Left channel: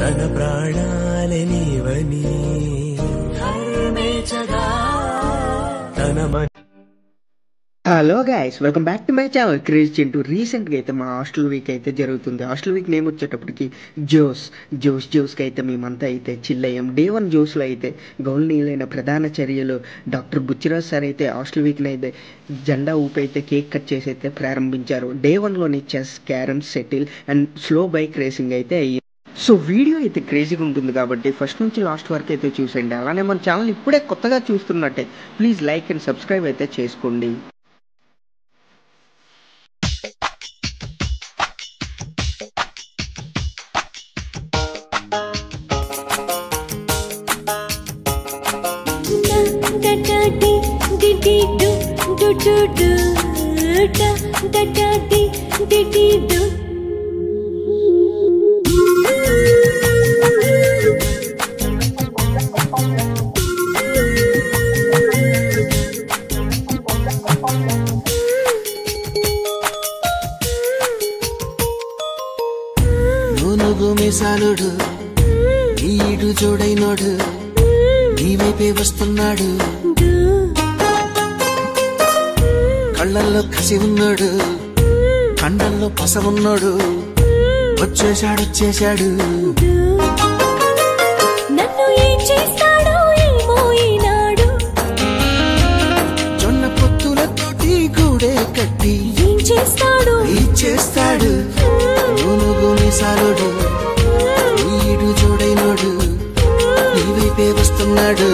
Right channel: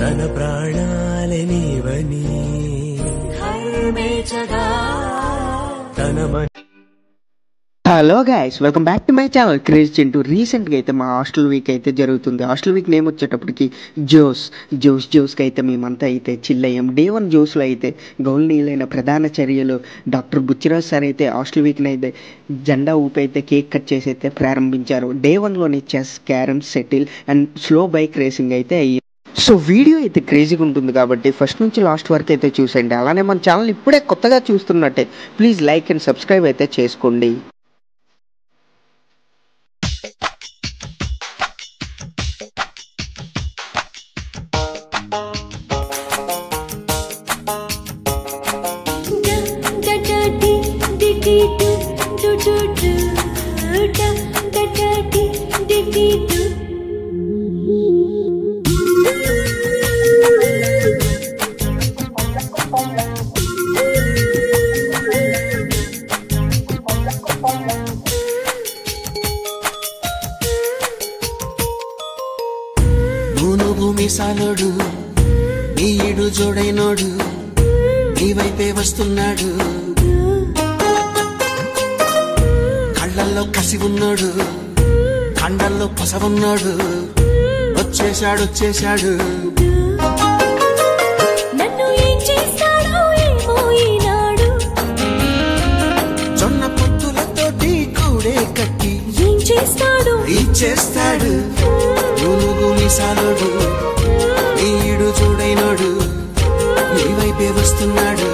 తన ప్రాణాలే నీవని హర్మేచగా తన hello guys, welcome back to my channel craze Chintu. రీసెంట్గా అయితే మా హాస్టల్ వీక్ అయితే జరుగుతుంది. హాస్టల్ వీక్ నేమ్ వచ్చేటప్పటికి జోస్కి అయితే మేమంతా అయితే చిల్ అయ్యాం. డే 1 జోస్లో అయితే గౌరవనీయులైన ప్రధాన చర్యలు డాక్టర్ బుచ్చిరాజ్ సార్ అయితే హాస్టల్ వీక్ని అయితే జెండా ఊపి అయితే కేక్ కట్ చేసి అయితే ప్రారంభించారు. డే 1లోని chess, carrom, shuttle and slow bike racing అయితే అయ్యి. సో వీడియో అయితే క్రేజీగా ఉంటుంది కాబట్టి ఫస్ట్ నుంచి లాస్ట్ వరకు అయితే చూసేయండి. అలానే మన ఛానల్ ఇప్పుడే కొత్తగా చూస్తున్నట్టే ప్లీజ్ లైక్ అండ్ సబ్స్క్రైబ్ అయితే చేసుకోండి. మీసాలోడు ఈడు చూడైనోడు నీ వైపే వస్తున్నాడు, కళ్ళల్లో కసి ఉన్నాడు, కండల్లో పస ఉన్నాడు, వచ్చేశాడు జొన్న పొత్తులతోటి కూడే కట్టి ఇచ్చేస్తాడు. మీసాలోడు ఈడు చూడైనాడు నీ వైపే వస్తున్నాడు.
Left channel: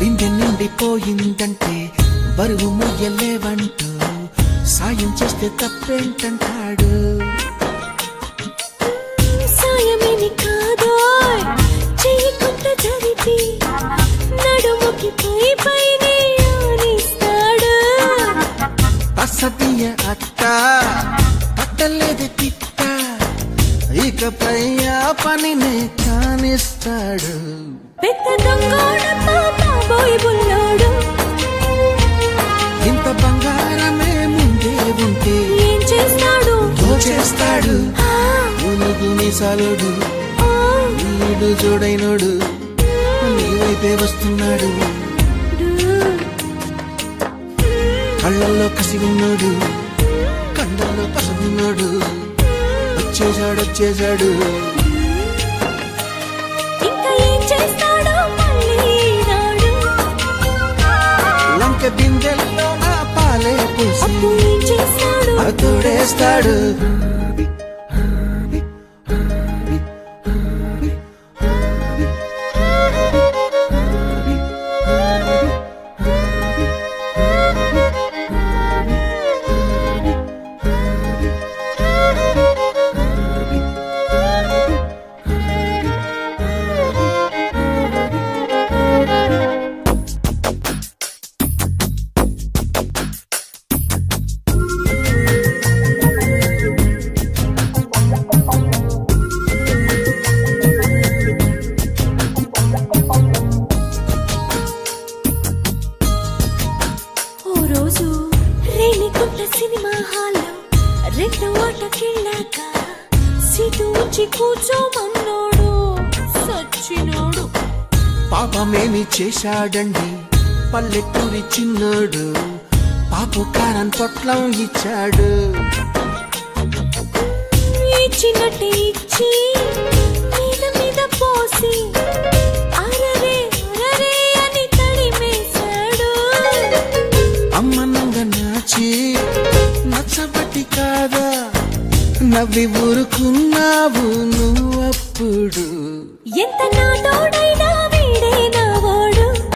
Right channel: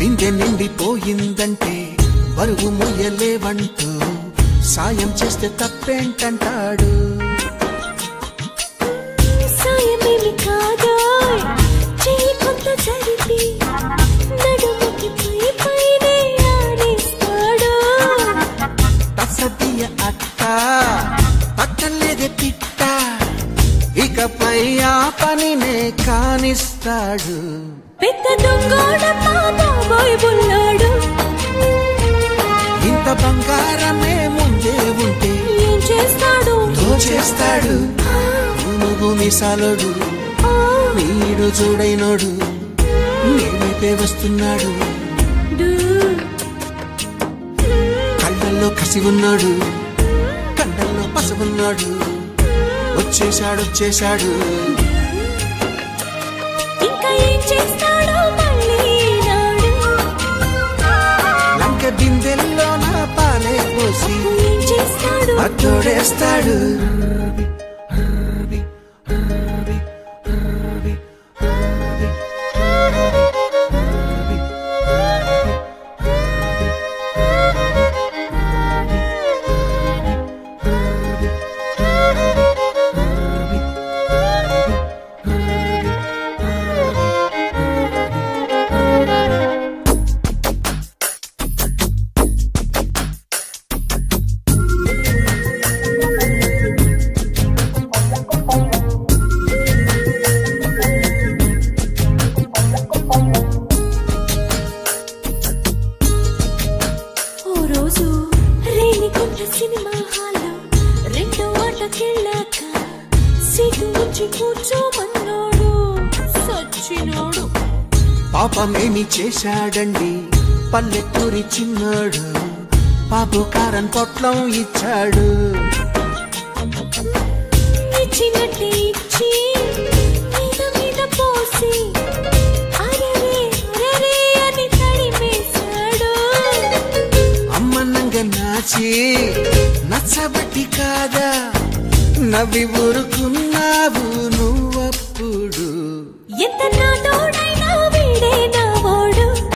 బిందె నిండిపోయిందంటే బరువు మొయ్యలేవంటూ సాయం చేస్తే తప్పేంటన్నాడు. అసతీయ అత్త పట్టలేదు పిట్ట, ఇకపై ఆ పనినే కానిస్తాడు. ఇంత బంగారమే ముందే ఉంటే దోచేస్తాడు. మీసాలోడు ఈడు చూడైనోడు నీ వైపే వస్తున్నాడు, కళ్ళల్లో కసి ఉన్నాడు, కండల్లో పసుపున్నాడు, వచ్చేశాడు. లంక బిందెల్లో నా పాలే పోసి అతోడేస్తాడు. పాపమేమి చేశాడండి పల్లెటూరి చిన్నాడు, పాపు కారం తోట్లో ఇచ్చాడు.